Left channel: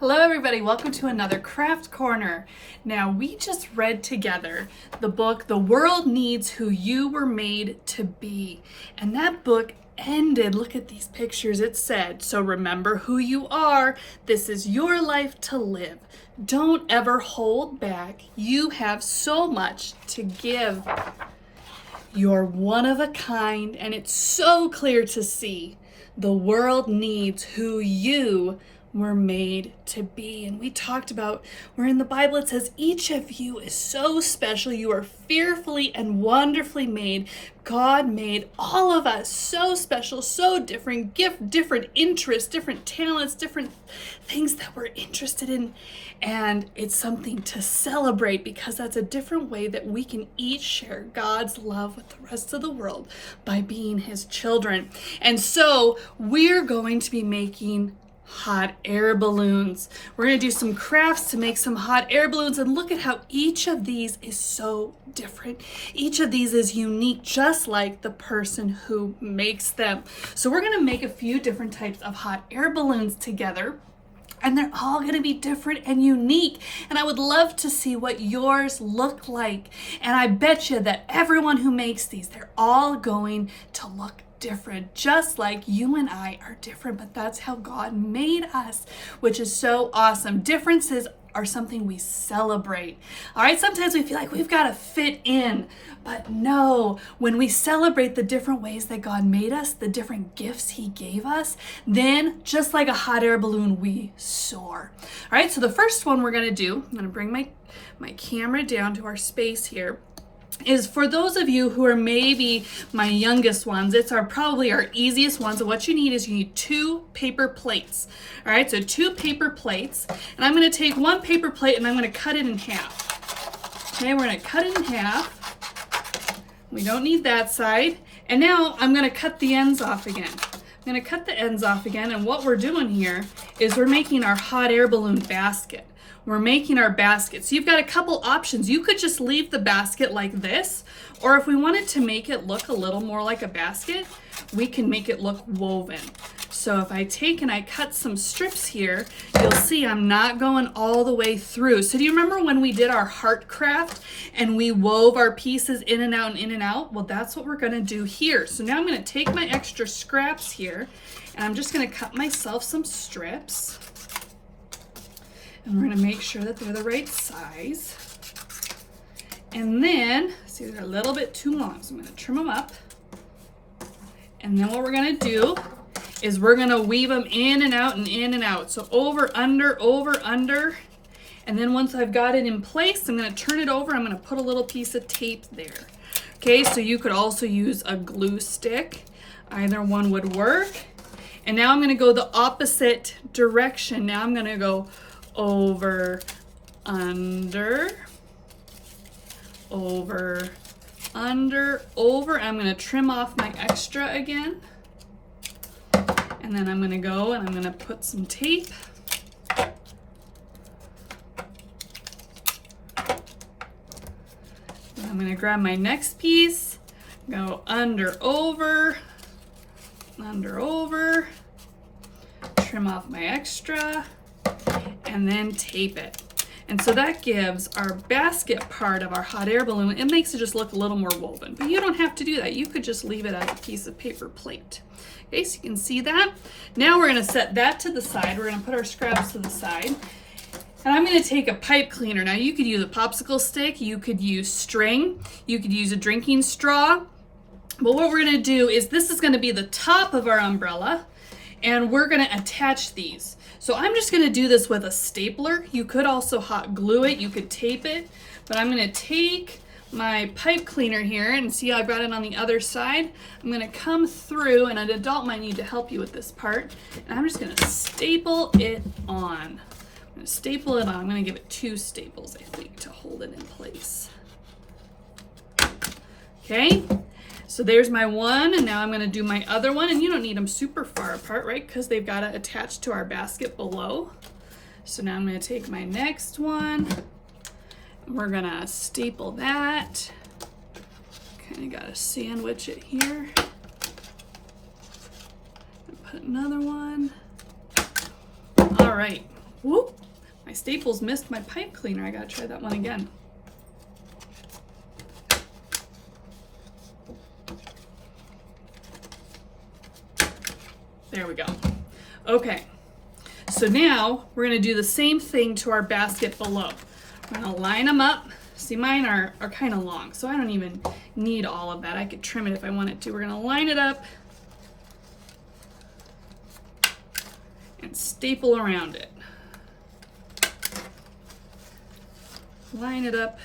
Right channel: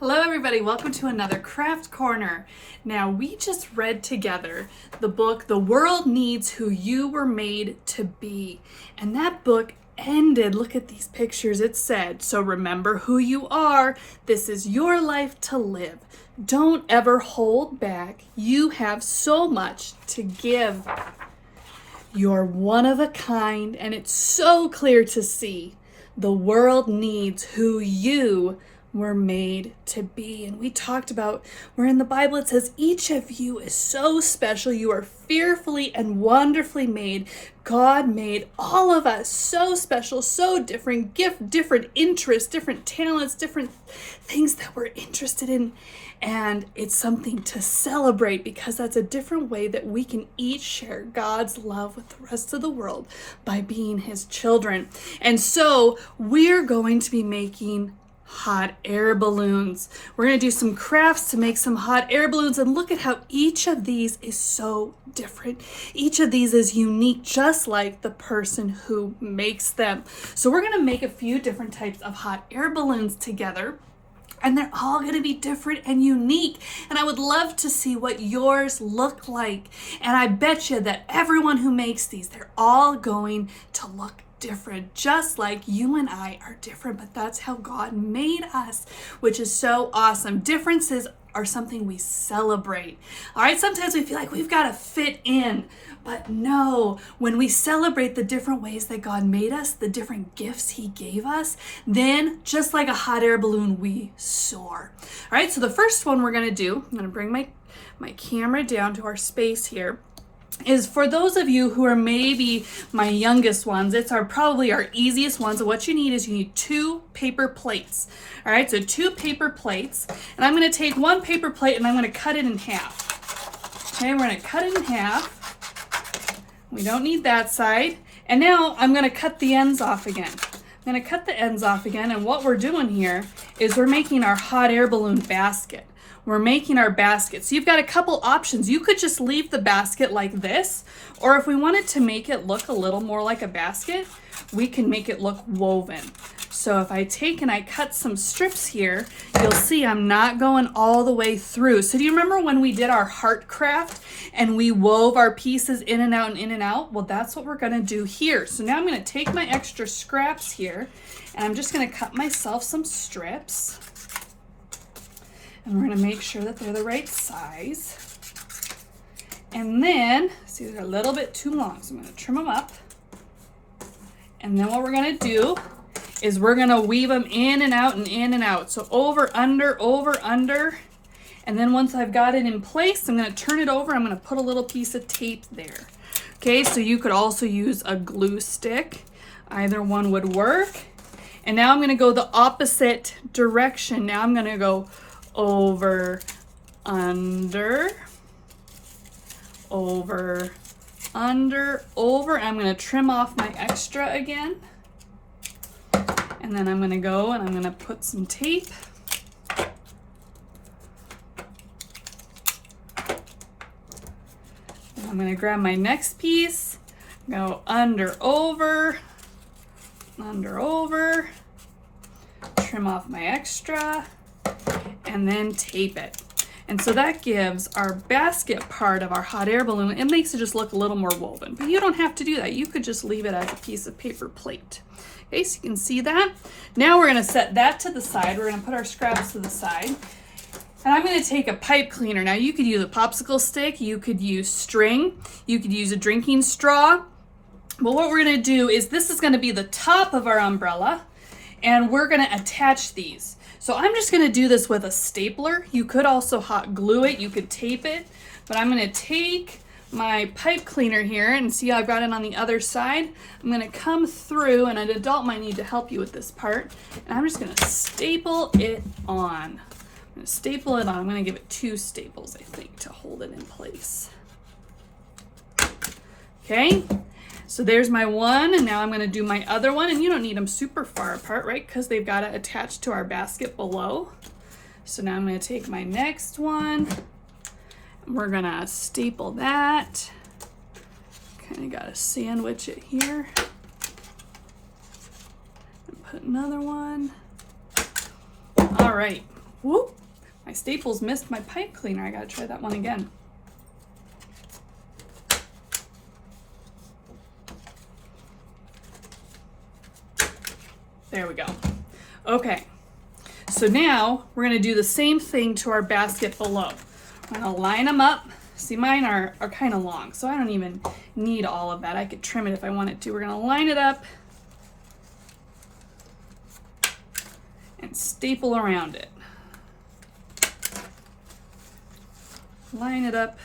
Hello everybody, welcome to another Craft Corner. Now we just read together the book, The World Needs Who You Were Made to Be. And that book ended, look at these pictures, it said, so remember who you are, this is your life to live. Don't ever hold back, you have so much to give. You're one of a kind and it's so clear to see. The world needs who you were made to be. And we talked about where in the Bible it says each of you is so special. You are fearfully and wonderfully made. God made all of us so special, so different, different interests, different talents, different things that we're interested in. And it's something to celebrate because that's a different way that we can each share God's love with the rest of the world by being his children. And so we're going to be making hot air balloons. We're going to do some crafts to make some hot air balloons, and look at how each of these is so different. Each of these is unique, just like the person who makes them. So we're going to make a few different types of hot air balloons together, and they're all going to be different and unique. And I would love to see what yours look like. And I bet you that everyone who makes these, they're all going to look different, just like you and I are different, but that's how God made us, which is so awesome. Differences are something we celebrate. All right, sometimes we feel like we've got to fit in, but no, when we celebrate the different ways that God made us, the different gifts he gave us, then just like a hot air balloon, we soar. All right, so the first one we're going to do, I'm going to bring my camera down to our space here, is for those of you who are maybe my youngest ones, it's probably our easiest ones. So what you need is you need 2 paper plates. All right, so 2 paper plates. And I'm going to take one paper plate and I'm going to cut it in half. Okay, we're going to cut it in half. We don't need that side. And now I'm going to cut the ends off again. I'm going to cut the ends off again. And what we're doing here is we're making our hot air balloon basket. We're making our basket. So you've got a couple options. You could just leave the basket like this, or if we wanted to make it look a little more like a basket, we can make it look woven. So if I take and I cut some strips here, you'll see I'm not going all the way through. So do you remember when we did our heart craft and we wove our pieces in and out and in and out? Well, that's what we're gonna do here. So now I'm gonna take my extra scraps here and I'm just gonna cut myself some strips. And we're gonna make sure that they're the right size. And then, see, they're a little bit too long, so I'm gonna trim them up. And then what we're gonna do is we're gonna weave them in and out and in and out. So over, under, and then once I've got it in place, I'm gonna turn it over, I'm gonna put a little piece of tape there. Okay, so you could also use a glue stick. Either one would work. And now I'm gonna go the opposite direction. Now I'm gonna go over, under, over, under, over. I'm going to trim off my extra again. And then I'm going to go and I'm going to put some tape. And I'm going to grab my next piece, go under, over, trim off my extra, and then tape it. And so that gives our basket part of our hot air balloon, it makes it just look a little more woven. But you don't have to do that. You could just leave it as a piece of paper plate. Okay, so you can see that. Now we're gonna set that to the side. We're gonna put our scraps to the side. And I'm gonna take a pipe cleaner. Now you could use a popsicle stick, you could use string, you could use a drinking straw. But what we're gonna do is this is gonna be the top of our umbrella, and we're gonna attach these. So I'm just gonna do this with a stapler. You could also hot glue it, you could tape it, but I'm gonna take my pipe cleaner here and see I've got it on the other side. I'm gonna come through, and an adult might need to help you with this part, and I'm just gonna staple it on. I'm gonna staple it on. I'm gonna give it 2 staples, I think, to hold it in place. Okay. So there's my one, and now I'm going to do my other one, and you don't need them super far apart, right? Because they've got to attach to our basket below. So now I'm going to take my next one, and we're going to staple that. Kind of got to sandwich it here. And put another one. All right. Whoop, my staples missed my pipe cleaner. I gotta try that one again. There we go. Okay, so now we're gonna do the same thing to our basket below. I'm gonna line them up. See, mine are kind of long, so I don't even need all of that. I could trim it if I wanted to. We're gonna line it up and staple around it. Line it up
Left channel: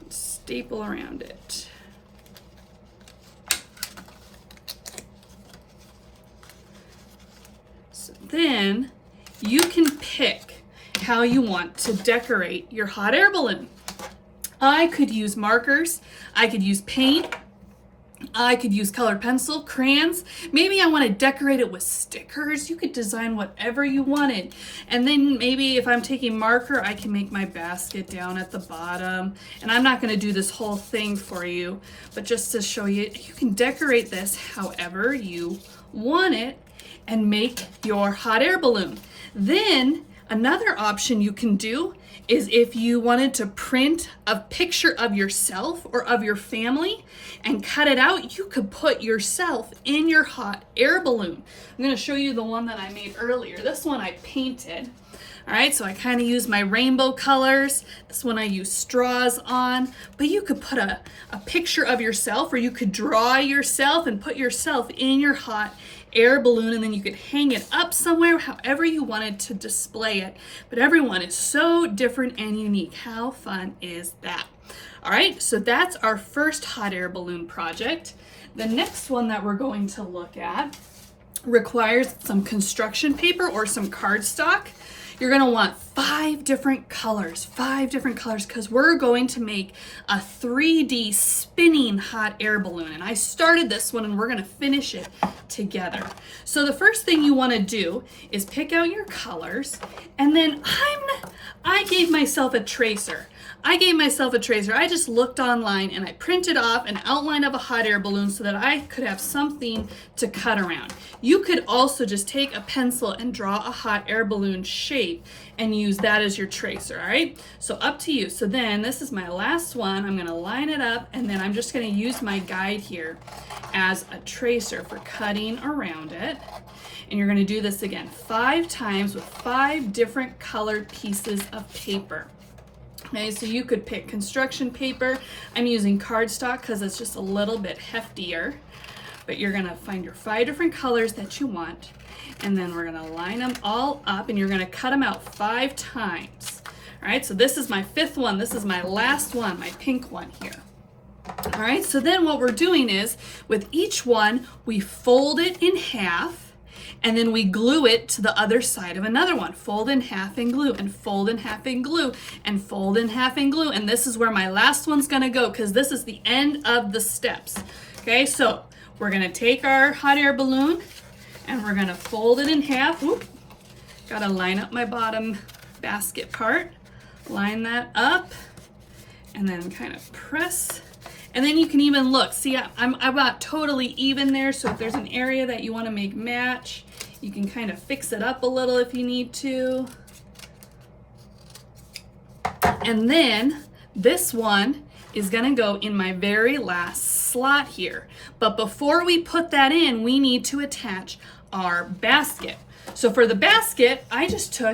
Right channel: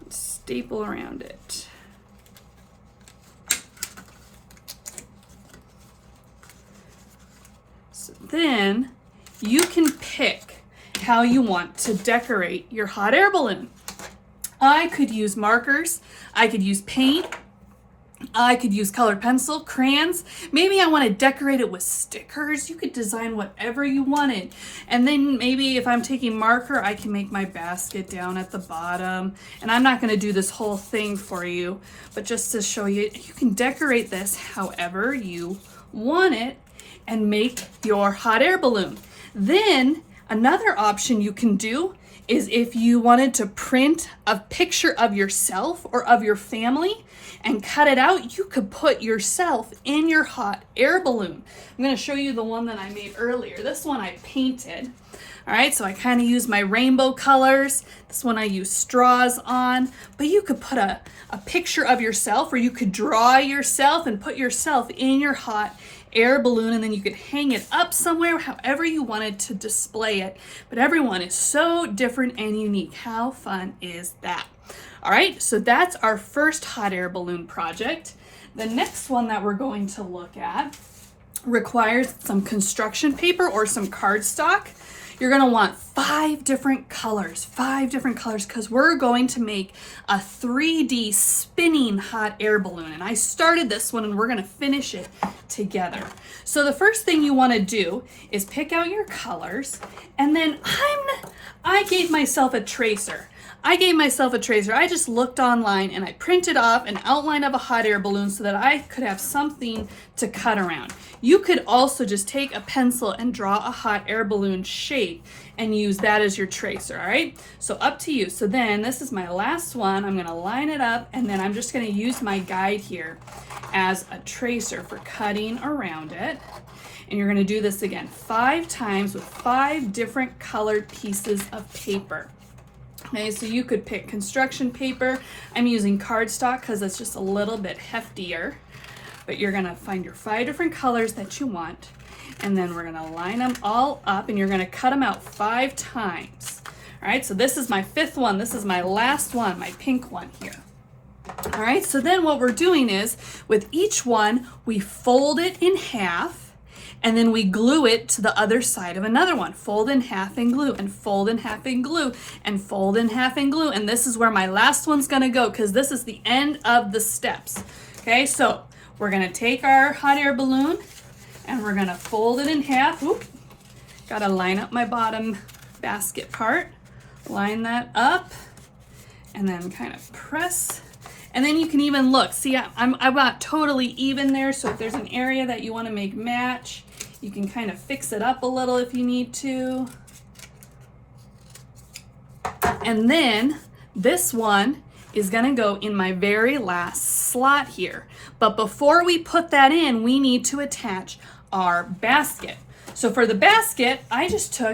and staple around it. So then you can pick how you want to decorate your hot air balloon. I could use markers, I could use paint, I could use colored pencil, crayons. Maybe I want to decorate it with stickers. You could design whatever you wanted. And then maybe if I'm taking marker, I can make my basket down at the bottom. And I'm not going to do this whole thing for you, but just to show you, you can decorate this however you want it and make your hot air balloon. Then another option you can do is if you wanted to print a picture of yourself or of your family and cut it out, you could put yourself in your hot air balloon. I'm gonna show you the one that I made earlier. This one I painted. All right, so I kind of use my rainbow colors. This one I use straws on, but you could put a picture of yourself, or you could draw yourself and put yourself in your hot air balloon, and then you could hang it up somewhere however you wanted to display it. But everyone is so different and unique. How fun is that? All right, so that's our first hot air balloon project. The next one that we're going to look at requires some construction paper or some cardstock. You're gonna want 5 different colors, because we're going to make a 3D spinning hot air balloon. And I started this one and we're gonna finish it together. So the first thing you wanna do is pick out your colors, and then I gave myself a tracer. I just looked online and I printed off an outline of a hot air balloon so that I could have something to cut around. You could also just take a pencil and draw a hot air balloon shape and use that as your tracer, all right? So up to you. So then this is my last one. I'm gonna line it up, and then I'm just gonna use my guide here as a tracer for cutting around it. And you're gonna do this again 5 times with 5 different colored pieces of paper. Okay, so you could pick construction paper. I'm using cardstock because it's just a little bit heftier. But you're gonna find your 5 different colors that you want, and then we're gonna line them all up, and you're gonna cut them out 5 times. All right, so this is my 5th one. This is my last one, my pink one here. All right, so then what we're doing is, with each one, we fold it in half, and then we glue it to the other side of another one. Fold in half and glue, and fold in half and glue, and fold in half and glue. And this is where my last one's gonna go, because this is the end of the steps. Okay, so we're gonna take our hot air balloon and we're gonna fold it in half. Whoop. Gotta line up my bottom basket part. Line that up and then kind of press. And then you can even look, see, I'm not totally even there, so if there's an area that you wanna make match, you can kind of fix it up a little if you need to. And then this one is gonna go in my very last slot here. But before we put that in, we need to attach our basket. So for the basket,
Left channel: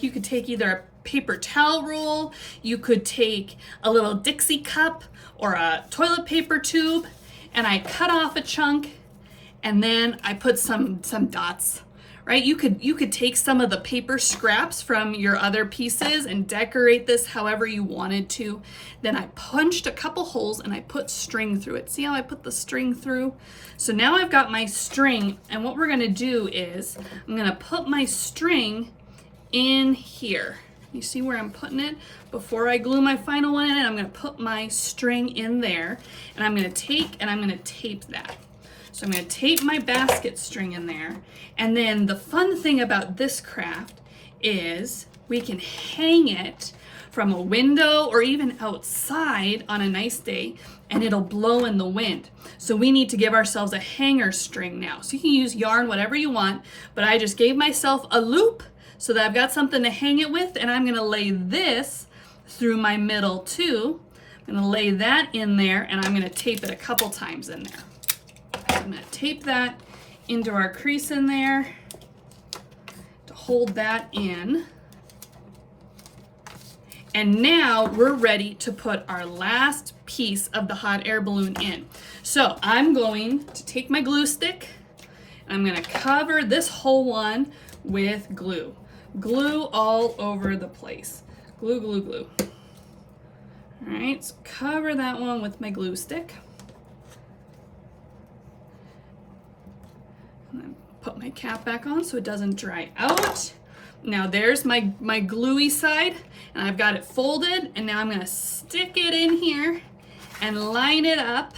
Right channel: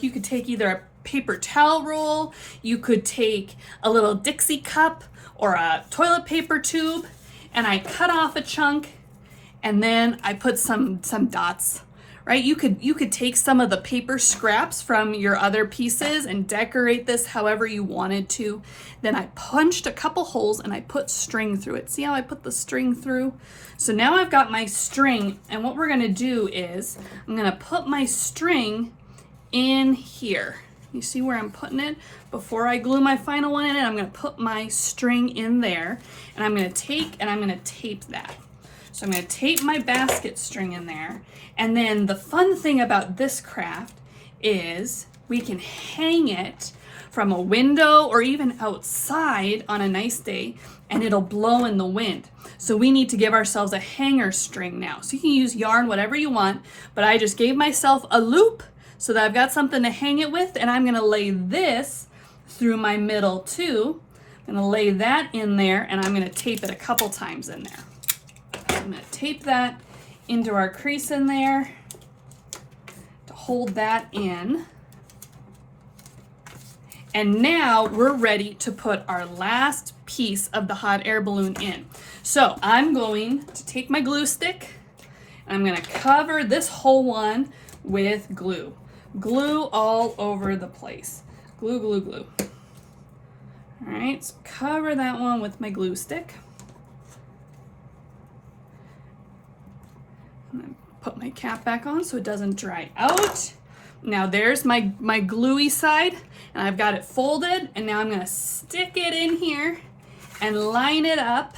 you could take either a paper towel roll, you could take a little Dixie cup or a toilet paper tube, and I cut off a chunk, and then I put some dots, right? You could take some of the paper scraps from your other pieces and decorate this however you wanted to. Then I punched a couple holes and I put string through it. See how I put the string through? So now I've got my string, and what we're gonna do is I'm gonna put my string in here. You see where I'm putting it? Before I glue my final one in it, I'm gonna put my string in there, and I'm gonna tape that. So I'm gonna tape my basket string in there. And then the fun thing about this craft is we can hang it from a window or even outside on a nice day, and it'll blow in the wind. So we need to give ourselves a hanger string now. So you can use yarn, whatever you want, but I just gave myself a loop so that I've got something to hang it with, and I'm gonna lay this through my middle too. I'm gonna lay that in there, and I'm gonna tape it a couple times in there. I'm gonna tape that into our crease in there to hold that in. And now we're ready to put our last piece of the hot air balloon in. So I'm going to take my glue stick, and I'm gonna cover this whole one with glue. Glue all over the place. Glue, glue, glue. All right, so cover that one with my glue stick. And then put my cap back on so it doesn't dry out. Now there's my gluey side, and I've got it folded, and now I'm gonna stick it in here and line it up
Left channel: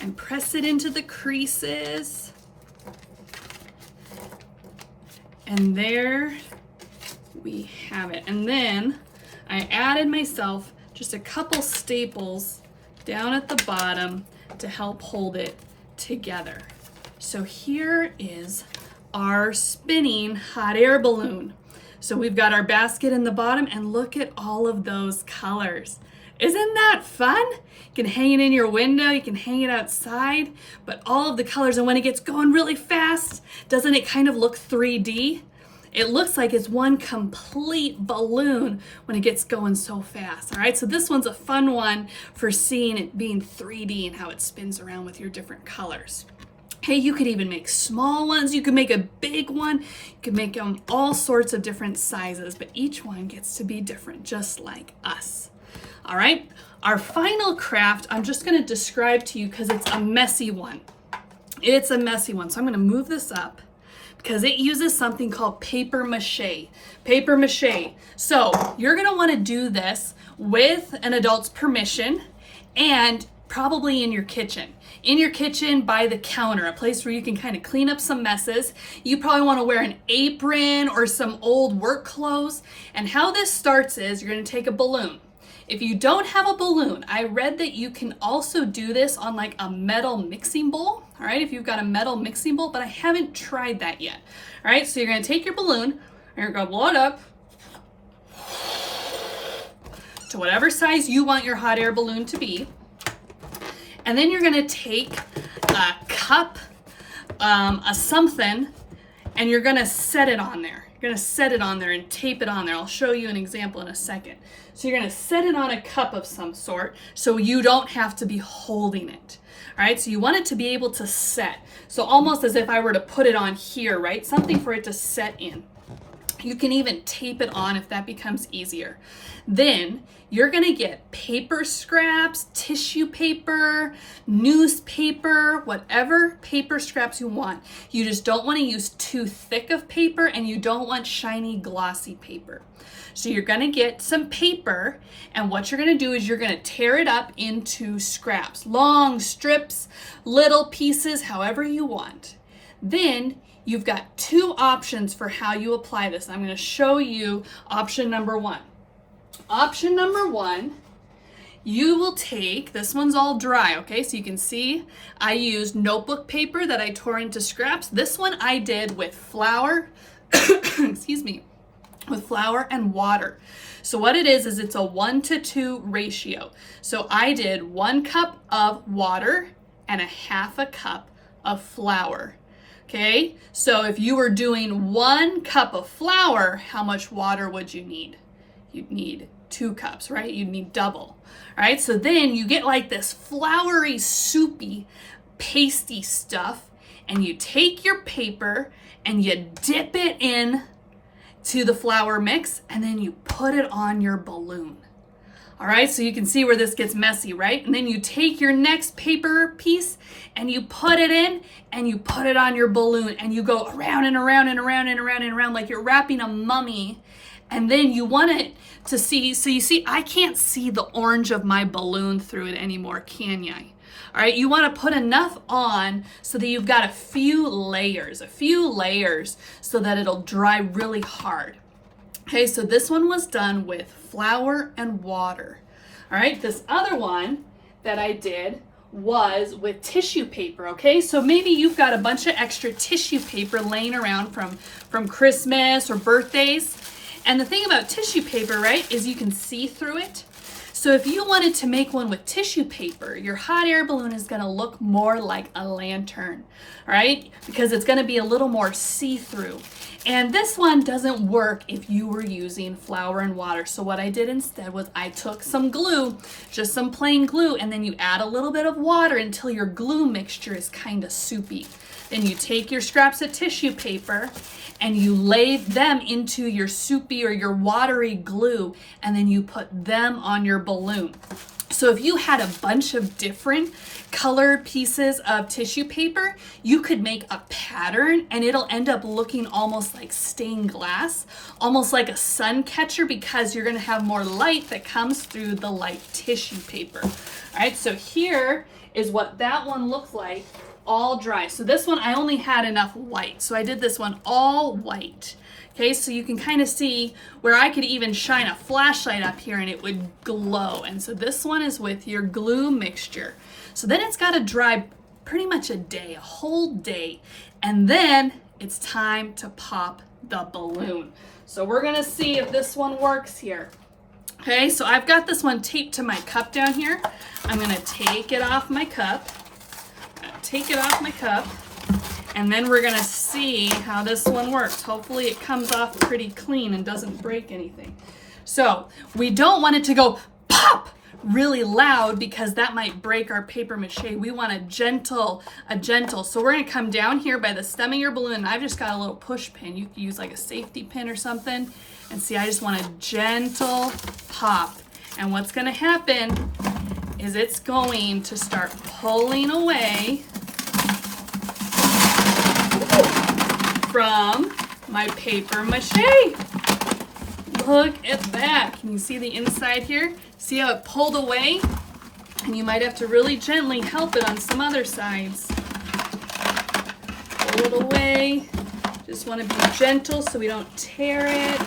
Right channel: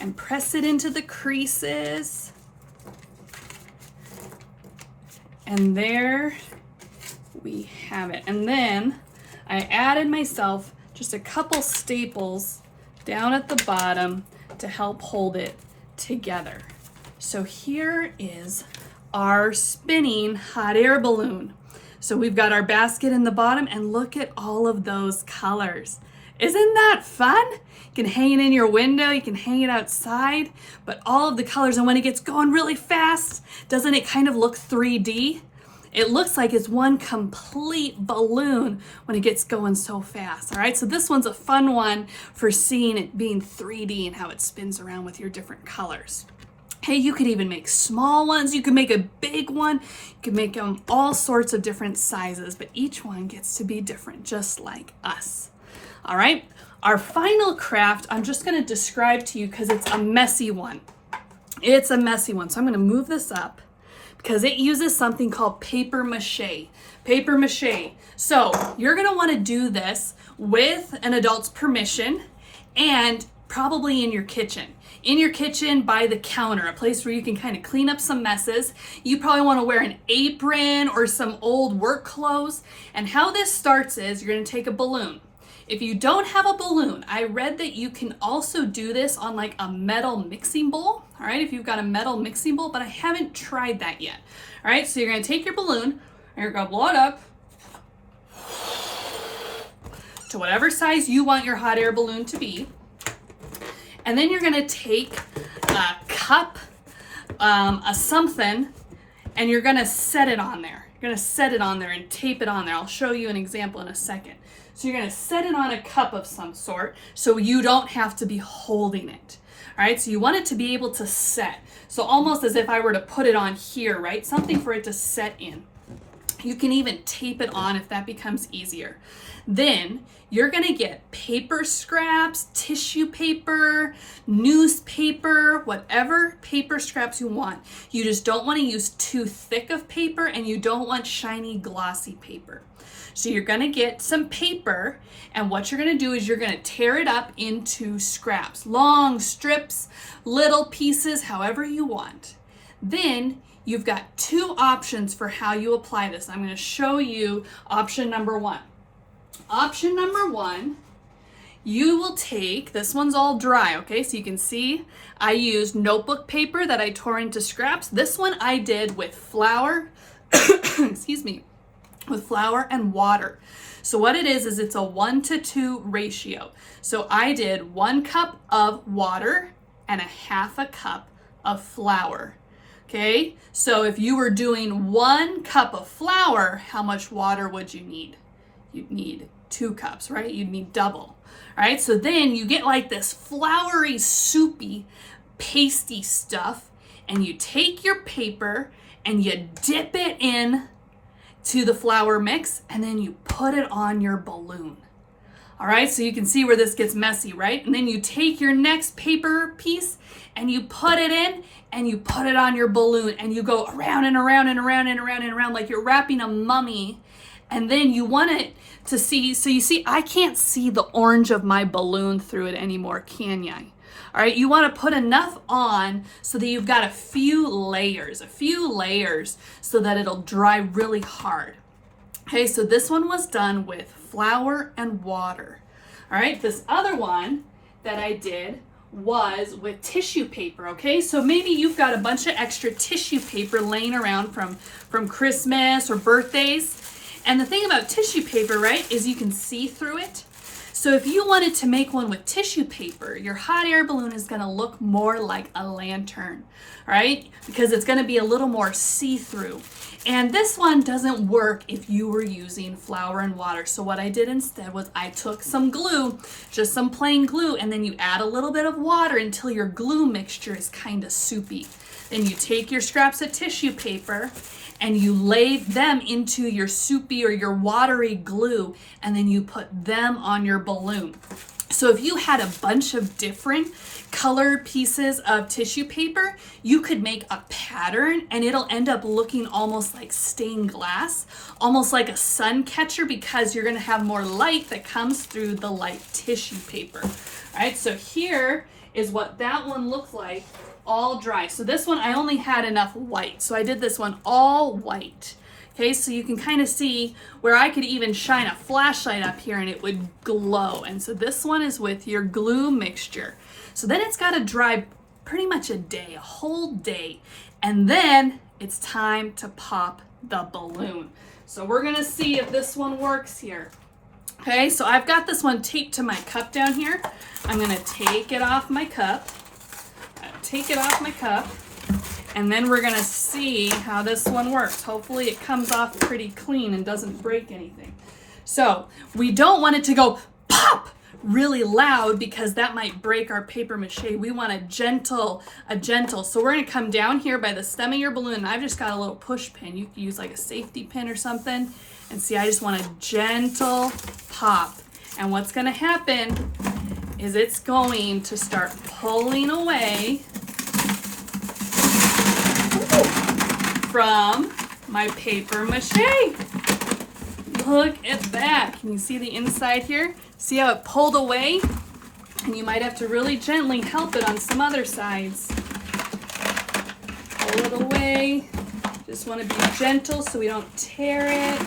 and press it into the creases. And there we have it. And then I added myself just a couple staples down at the bottom to help hold it together. So here is our spinning hot air balloon. So we've got our basket in the bottom, and look at all of those colors. Isn't that fun? You can hang it in your window, you can hang it outside, but all of the colors, and when it gets going really fast, doesn't it kind of look 3D? It looks like it's one complete balloon when it gets going so fast. All right, so this one's a fun one for seeing it being 3D and how it spins around with your different colors. Hey, you could even make small ones. You could make a big one. You could make them all sorts of different sizes, but each one gets to be different, just like us. All right, our final craft, I'm just gonna describe to you because it's a messy one. It's a messy one, so I'm gonna move this up because it uses something called paper-mâché. Paper-mâché. So you're gonna wanna do this with an adult's permission and probably in your kitchen. In your kitchen by the counter, a place where you can kind of clean up some messes. You probably want to wear an apron or some old work clothes. And how this starts is you're going to take a balloon. If you don't have a balloon, I read that you can also do this on like a metal mixing bowl. All right, if you've got a metal mixing bowl, but I haven't tried that yet. All right, so you're going to take your balloon and you're going to blow it up to whatever size you want your hot air balloon to be. And then you're gonna take a cup, a something, and you're gonna set it on there. You're gonna set it on there and tape it on there. I'll show you an example in a second. So you're gonna set it on a cup of some sort so you don't have to be holding it. All right, so you want it to be able to set. So almost as if I were to put it on here, right? Something for it to set in. You can even tape it on if that becomes easier. Then you're gonna get paper scraps, tissue paper, newspaper, whatever paper scraps you want. You just don't wanna use too thick of paper, and you don't want shiny, glossy paper. So you're gonna get some paper, and what you're gonna do is you're gonna tear it up into scraps, long strips, little pieces, however you want. Then you've got two options for how you apply this. I'm gonna show you option number one. Option number one, you will take, this one's all dry, okay? So you can see I used notebook paper that I tore into scraps. This one I did with flour, excuse me, with flour and water. So what it is it's a 1-to-2 ratio. So I did 1 cup of water and 1/2 cup of flour. Okay, so if you were doing 1 cup of flour, how much water would you need? You'd need 2 cups, right? You'd need double. All right, so then you get like this floury, soupy, pasty stuff, and you take your paper and you dip it in to the flour mix, and then you put it on your balloon. All right, so you can see where this gets messy, right? And then you take your next paper piece and you put it in and you put it on your balloon, and you go around and around and around and around and around like you're wrapping a mummy. And then you want it to see, so you see, I can't see the orange of my balloon through it anymore, can ya? All right, you want to put enough on so that you've got a few layers so that it'll dry really hard. Okay, so this one was done with flour and water. All right, this other one that I did was with tissue paper, okay? So maybe you've got a bunch of extra tissue paper laying around from Christmas or birthdays. And the thing about tissue paper, right, is you can see through it. So if you wanted to make one with tissue paper, your hot air balloon is gonna look more like a lantern, right? Because it's gonna be a little more see-through. And this one doesn't work if you were using flour and water. So what I did instead was I took some glue, just some plain glue, and then you add a little bit of water until your glue mixture is kind of soupy. Then you take your scraps of tissue paper and you lay them into your soupy or your watery glue, and then you put them on your balloon. So if you had a bunch of different colored pieces of tissue paper, you could make a pattern and it'll end up looking almost like stained glass, almost like a sun catcher, because you're gonna have more light that comes through the light tissue paper. All right, so here is what that one looks like, all dry. So this one, I only had enough white, so I did this one all white. Okay, so you can kind of see where I could even shine a flashlight up here and it would glow. And so this one is with your glue mixture. So then it's got to dry pretty much a day, a whole day. And then it's time to pop the balloon. So we're gonna see if this one works here. Okay, so I've got this one taped to my cup down here. I'm gonna take it off my cup. And then we're gonna see how this one works. Hopefully it comes off pretty clean and doesn't break anything. So we don't want it to go pop really loud because that might break our paper mache. We want a gentle. So we're gonna come down here by the stem of your balloon, and I've just got a little push pin. You could use like a safety pin or something. And see, I just want a gentle pop. And what's gonna happen is it's going to start pulling away from my paper mache. Look at that. Can you see the inside here? See how it pulled away? And you might have to really gently help it on some other sides. Pull it away. Just want to be gentle so we don't tear it.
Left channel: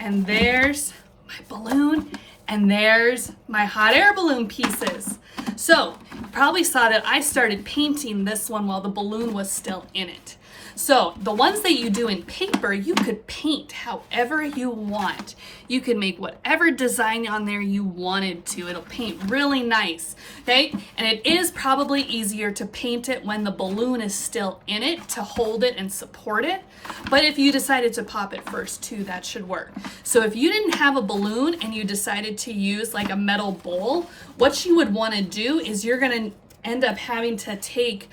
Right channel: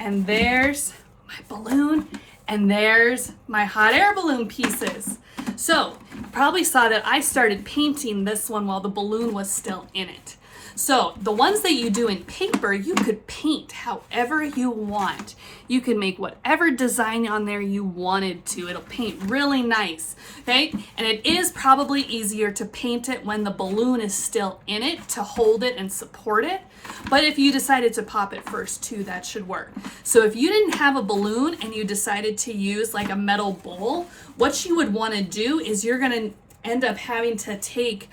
And there's my balloon. And there's my hot air balloon pieces. So you probably saw that I started painting this one while the balloon was still in it. So the ones that you do in paper, you could paint however you want. You can make whatever design on there you wanted to. It'll paint really nice, okay? And it is probably easier to paint it when the balloon is still in it to hold it and support it. But if you decided to pop it first too, that should work. So if you didn't have a balloon and you decided to use like a metal bowl, what you would want to do is you're going to end up having to take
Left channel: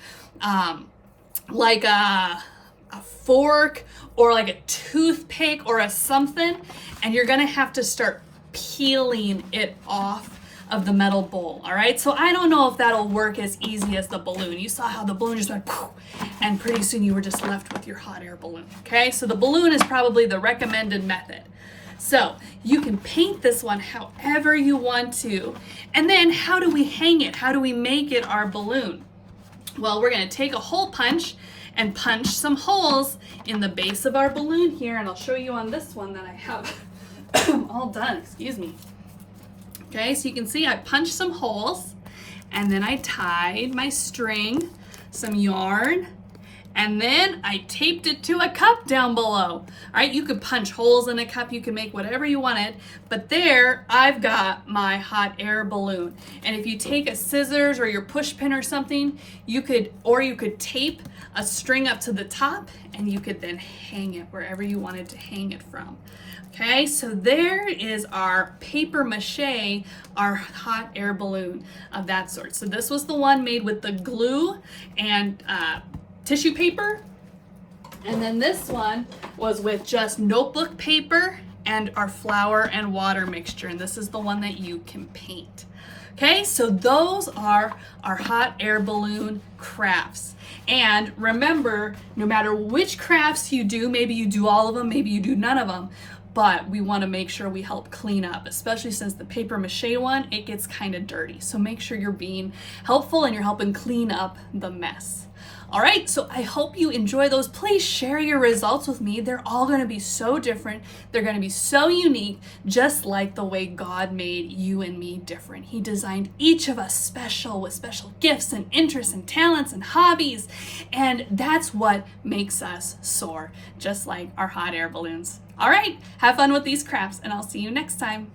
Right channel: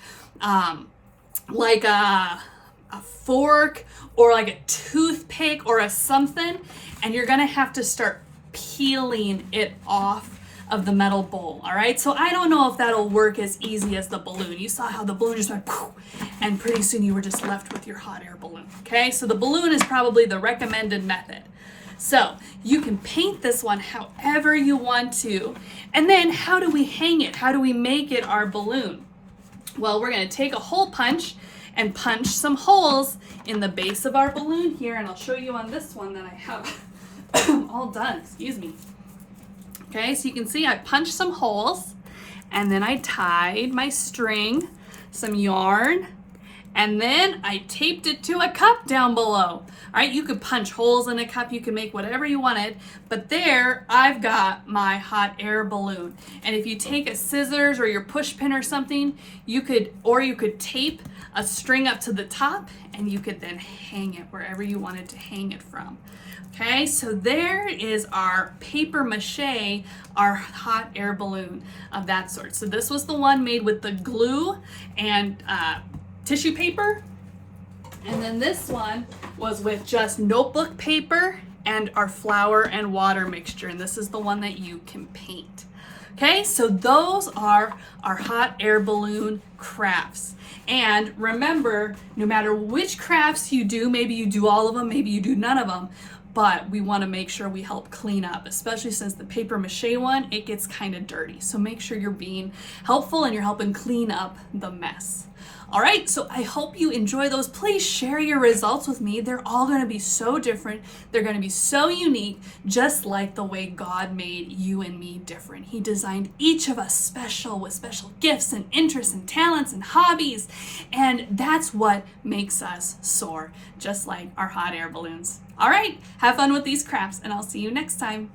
like a fork or like a toothpick or a something, and you're gonna have to start peeling it off of the metal bowl. All right, so I don't know if that'll work as easy as the balloon. You saw how the balloon just went poof, and pretty soon you were just left with your hot air balloon. Okay, so the balloon is probably the recommended method. So you can paint this one however you want to. And then how do we hang it? How do we make it our balloon? Well, we're gonna take a hole punch and punch some holes in the base of our balloon here. And I'll show you on this one that I have all done, excuse me. Okay, so you can see I punched some holes, and then I tied my string, some yarn, and then I taped it to a cup down below. All right, you could punch holes in a cup, you can make whatever you wanted, but there I've got my hot air balloon. And if you take a scissors or your push pin or something, you could tape a string up to the top, and you could then hang it wherever you wanted to hang it from. Okay, so there is our paper mache, our hot air balloon of that sort. So this was the one made with the glue and tissue paper. And then this one was with just notebook paper and our flour and water mixture. And this is the one that you can paint. Okay, so those are our hot air balloon crafts. And remember, no matter which crafts you do, maybe you do all of them, maybe you do none of them, but we want to make sure we help clean up, especially since the paper mache one, it gets kind of dirty. So make sure you're being helpful and you're helping clean up the mess. All right, so I hope you enjoy those. Please share your results with me. They're all going to be so different. They're going to be so unique, just like the way God made you and me different. He designed each of us special with special gifts and interests and talents and hobbies. And that's what makes us soar, just like our hot air balloons. All right, have fun with these crafts, and I'll see you next time.